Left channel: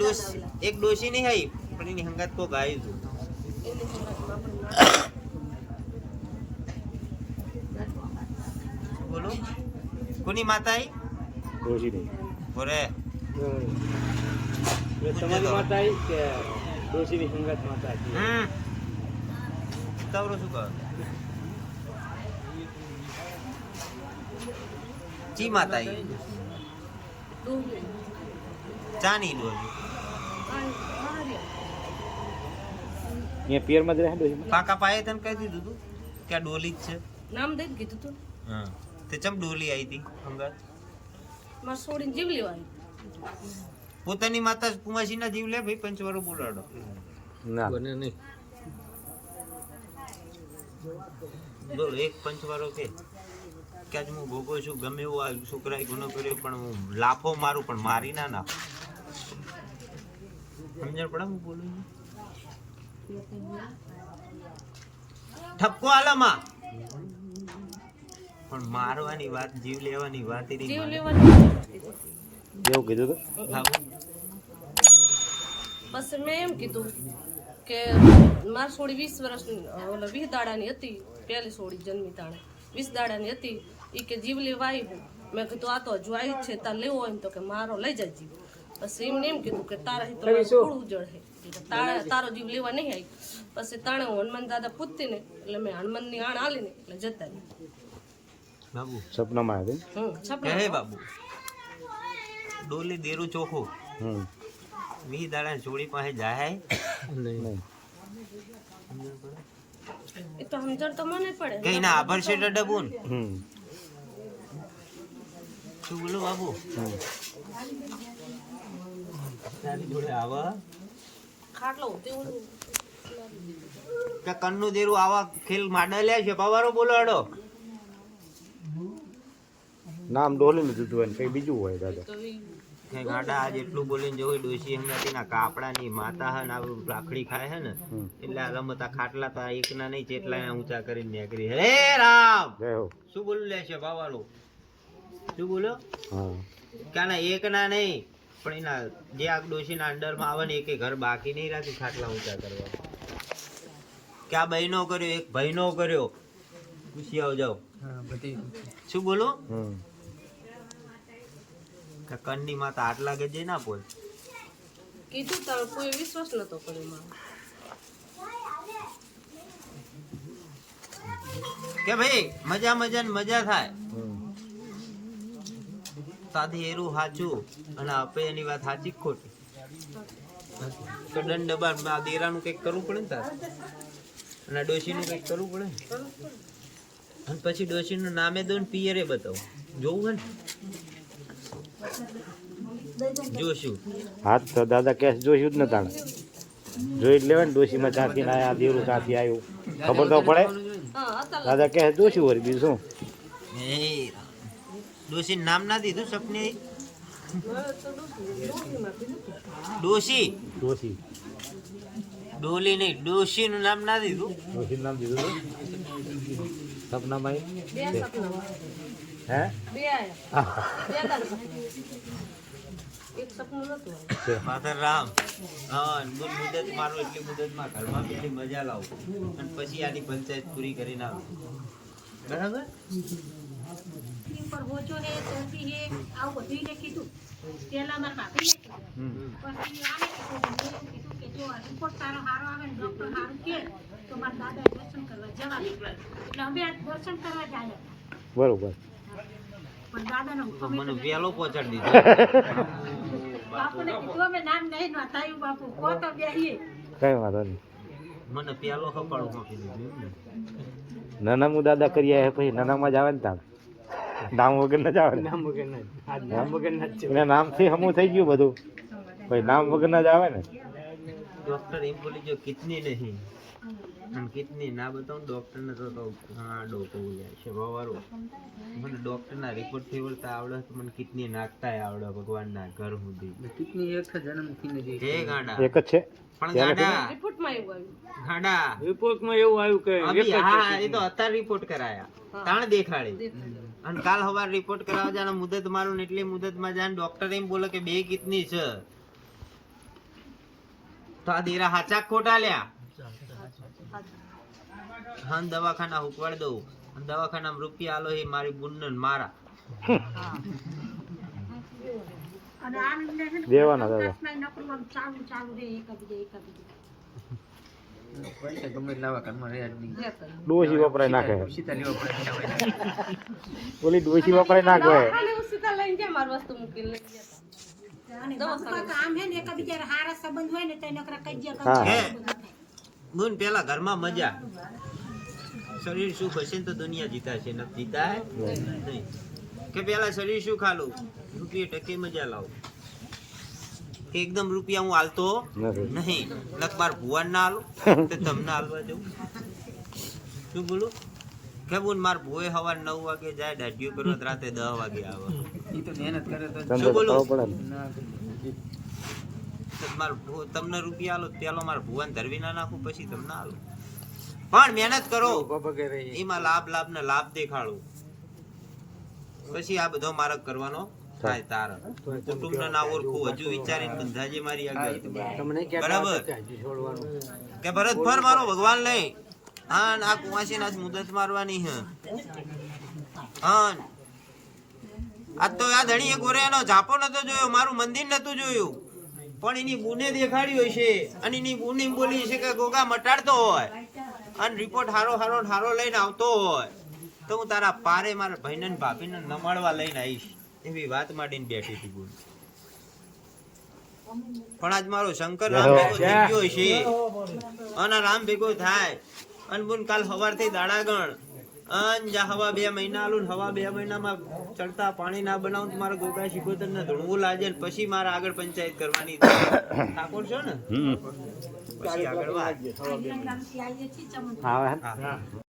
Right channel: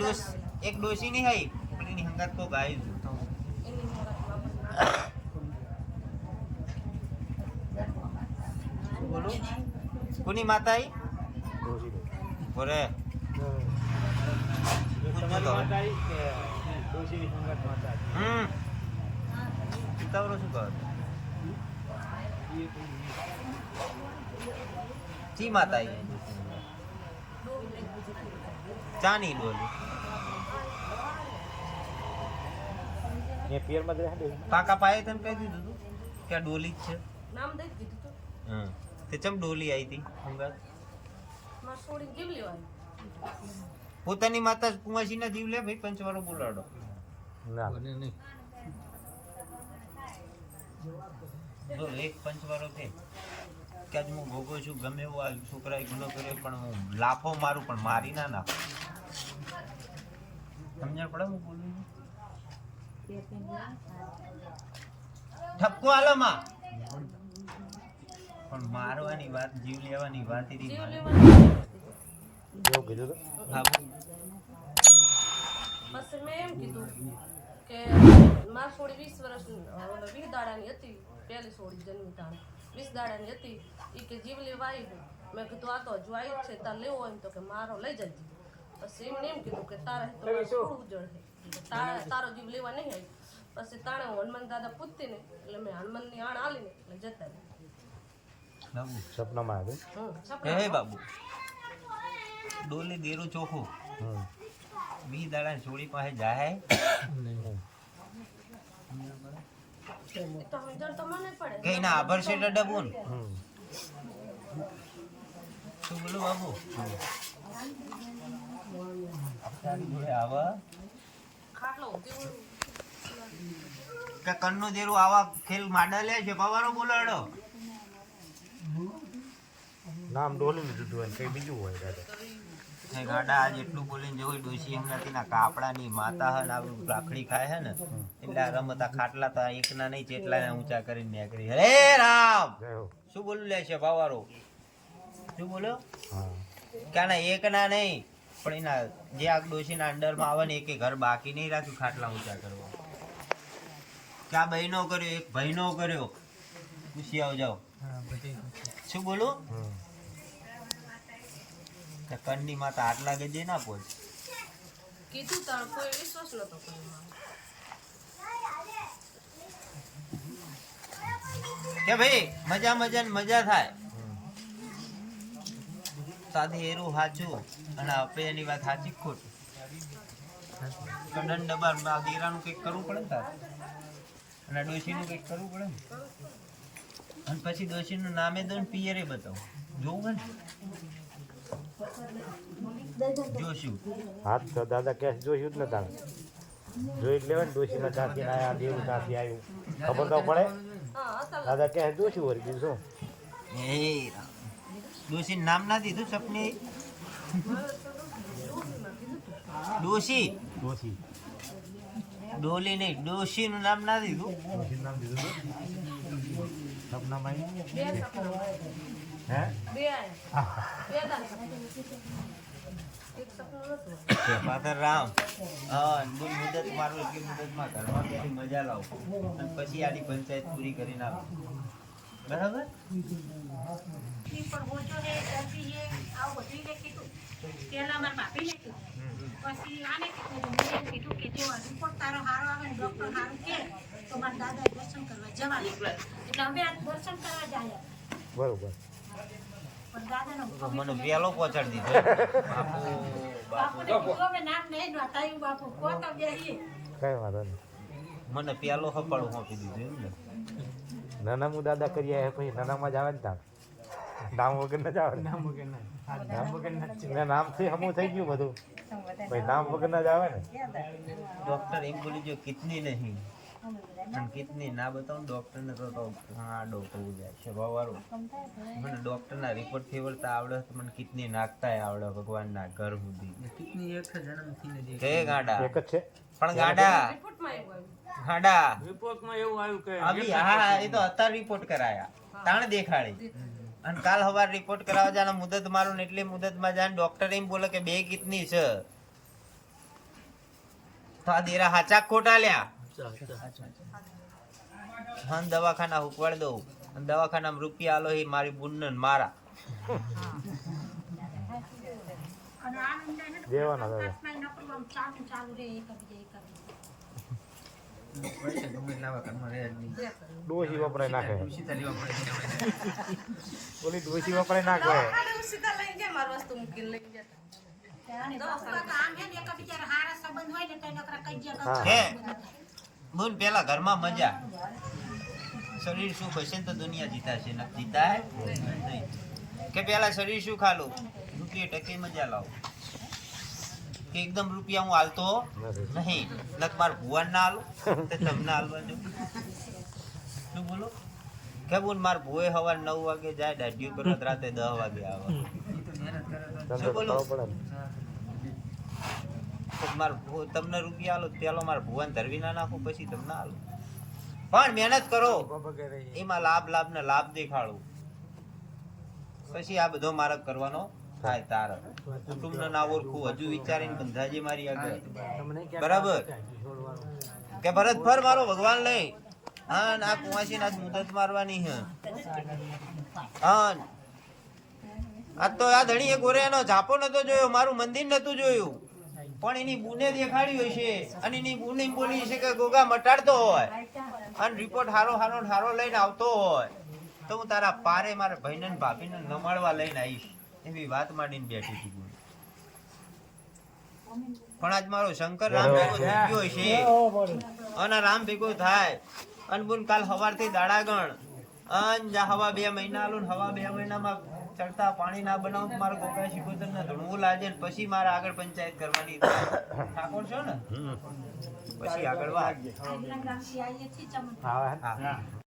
DOS એક ડોસી નહીં આવી પણ એની હંગાત કોક આવ્યું હતું બોલું? કોની માતા આવી. બોરે હવે. હમ. ઉતાવળો શું કહો? ચી માતા ચાની ડોલી. અહીંયા પિયરમાં જ રહે કાકા પાકા પાયે તને કહી દીધું તું કે આ ડોલી જ છે. નામ દઈ કીધું તું. હા. તે ચમ ડોલી આવી હતી અમદાવાદમાં છોડીને જીવ લેવાની. પોતાની માતા કુમાસીના જીવ લે ભાઈ પંચવારો બોલાડો. ના. બને નહીં. બોલ એક પંચવારો કે કે આજ હું ભોગો છું ગમે એવો આ છોકરાએ ગુનો કર્યો પણ હું લાફો મારું પણ મારી ના નાખું. સમજણ પડે હું બોલું છું? ઠપકો આલામાં. પણ મારવાની વાત જીવ લેવાની વાત એની જીવ લેવાની એવું કીધું તો? હા. પછી મેં એમ કીધું કે મારી છોડી વીસ વર્ષની ઓલા વીસ દાડાની હતી પહેલી છોડી જન્મી તાણે. વીસ દાડાની હતી એ કે જીવ લેવા આવી મેં કીધું આ તો હજુ આવી જ છે તાર લેવો હોય ને તો કે મારો લઈ જાય જીવ. પછી એમને એમ કીધું કે તારા તો થોડું જળ તારા- તારો જીવ લેવા નહીં આવી. પછી તાણે હું હનુમાન દાદા પૂછતી ને એટલે મેં હનુમાનની આણ આલી ને એટલે જતા. બાબુ સપનામાં આવી હે બાબુ ડોલી દેરું ચોખ્ખું હમ. મી દાડા જોડી પાસે જાય. એ તો મને પડે. કે એના આભર છે ડબુન? હમ. શું બોલો બાબુ? તારી જોડે આવા? કે કન્નુ દેરું આવા ખેલ માડા લે છે પવારો બોલાડો. નામ ડોલીને દીધું હોય કઈ બીજું હોય દાદા. ને ગાડા આજ એટલું બોલીને જોઈ ડોસી એમ નથી ના કાપડાની માતા હે ને આ રાખડી ખાય હે ને એટલે આ રમતા ખાટલા તો એક એકના નહીં જેટલા ઊંચા કરીને નીકળી. હે રામ! શું બોલું લે છે પવારો? શું બોલો કાના એક એકના નહીં. પણ એના જે આ ડોશીના અંડરમાં આવે ને એક ઘર બાકી નહીં રાખ્યું ખાટલા ઊંચા કરવા. કે આ બહેનો કર્યો એક ભાઈનો કર્યો. પૂછી આવ જાઓ. શું બોલો? કંડી માતા આટલા ગજે ના પોલ કીધું તડકો એ વિશ્વાસ નતો કર્યો કે ભાઈ મજા મજા ને મજા થાય. તાથી એરું સાચું અને આપે એની વાત સાચી ખોટી? તો દંડ દબાણ આ દેરાનું કંઈક કરવું પડે ને તાર? અને આ ડોશીનું કંઈક કરવું પડે ને? અને પછી ડોશીનું નામે દો ને પિયરે બતાવો. જોવું હે ને? જોશું. હાથ તો દાદા કેસ જોયું જ ને તાણે. જોઈ જ લેવાય ને ડોશીમાં ચાંથી ના આ દેવરું ચાંથી આવ્યું. ખબર તો પડે? દાદા કે જોશું વળી બીજું શું? એ નામ ના દીધું સપને ડોશી? ડોશી. ડોલી નહીં ડોશીનું નામ ના દીધું? ડોશી નામ દીધું સપના. સપના હે રામ બોલ મુદત મારું એટલી મુદતમાં ઘરમાં બેસી મજા લાવું. અને પછી આની પંચાયત પૂરી કરીને આવું બરાબર પણ ઓછો હે, ત્યાંથી હે, આવું બધુંય મેં કીધું. પહેલા મારા ભાભીને કીધું. પછી આને કીધું, મેં એમ કીધું કે જો રિપોર્ટ તારો સારો આવે ને ડૉક્ટર સારું કે તો મારા દાદા દર્શન કરવા જવા એટલે અમે આ દર્શન કરવા જાય બરોબર. પણ દાદાનો તો મને વેલો પહોંચાડી દીધો. બાપુ બાપુ. બાપુને કીધું અમે નામ નહીં નોંધાયું બાપુ. કહો તો બેસીએ. કઈ વાંધો નહીં. મને પેલો હપાડું આપી દીધું એમ ને. નાના દાદા કરી આવ્યા પછી નાનામાં જ આવે ને તાણ નામ વગર જ આવે ને. નામ વગર ના નામથી હમું થઈ ગયું બધું. ભાઈ નામ વગર જ આવે ને. ડોક્ટર એમ બોલી જો કિતની નહીં. અને કિડની ના બતાવું ડોક્ટર ને તો તો ઘણા ડોકો જાય છે બવારો. મને ડોક્ટર ના રિપોર્ટ ફેવરતા આવડે તો મને કિડની નાખતા આવડે ભગવાન ના ઘર સુધી કે ગાડા? એક જ છે? પણ ગાડા? રિપોર્ટમાં એવું આવ્યું. ગાડા? રિપોર્ટમાં એવું આવ્યું કે હા એ તો અત્યારે રિપોર્ટ કરાયા. તાણ દેખાડી. અને કાલ હવાર રિપોર્ટ કરાવવા જાણે મુદત મારું ને એટલી મુદતમાં જાણે ડોક્ટર એમ બોલે કે બે કિતની છે. તો આ દેરા હાચા ખોટા લ્યા? હા દવાખાના હુકવાડ દઉં. અને દવાખાનામાં રૂપિયા આલો એ મારી બુનન મારા. દેવાના દાદા. ડોસી વપરાય નાખે. ઓલી ડોસી નાખે. પેલા ઘરમાં મજા. શરીર સુખ હશે ને તો દુનિયા જીતાશે. ન જીતા કે પેલા શરીર સુખ આલું? રૂપિયા ટકે મજા લાવું. એકદમ રૂપિયા હું હાલતો નહીં. નક માર ભુવાન ના આલું તો તમને હાલવા દઉં શું બોલું? કે બોલ માર ભુએ સવાર નવ વાગે જાય દાઢીઓ કરવા રાતે દસ વાગે આવે. શું બોલું? માર તમને રૂપિયા આલો પેલો માર ભુવાન ધરવી ના નાખું પછી તમને હાલો પણ મહેનત કરો. એમાં લાભ લાભ ને લાભ દેખાડો. પછી આ બધો માર્ગ કરવાનો થાય તાર. કુટુંબ ના ઓળખું. હજુ વિચારીને બંધાજી મારી આગળ. બરાબર? કે ભરત ફર મારો ભગવાન લઈ. હા આ કુવાસી નાથ મુદત મારવાની હે. હા આ તો આ ધણી એક ઓરે એનો ઝાપો નતો જોયો મારું મંદિર નતું જોયું. પણ એની બુને દેખાડ્યો છે અને એની બુને બોલી છે કે ગોગા મટાડતો હોય અને રિપોર્ટ હારો હારો હારો લઈને આવતો હોય. તો હું તારા પારે મારા ભાઈને ભાભીને નમાડવા લઈને આવીશ. એવી વાત માંડીને બેઠી હતી બોલ પણ આજ મારો શંકર રામ ભેગો થઈ ગયો છે. અને રામ ભેગો થાય. અને બોલ કાલ સવારથી દાડા ગણ અન જા હવા બે મહિના આલું હવા બે મહિનામાં ચડતા પાણી ના બનાવું મારે ગોગા શીખોતર ને ધૂણવું લાગે ને પછી મારે આગળ પંચાયત કરવાની ઠાકોર છો ને? પછી આગળ વાત.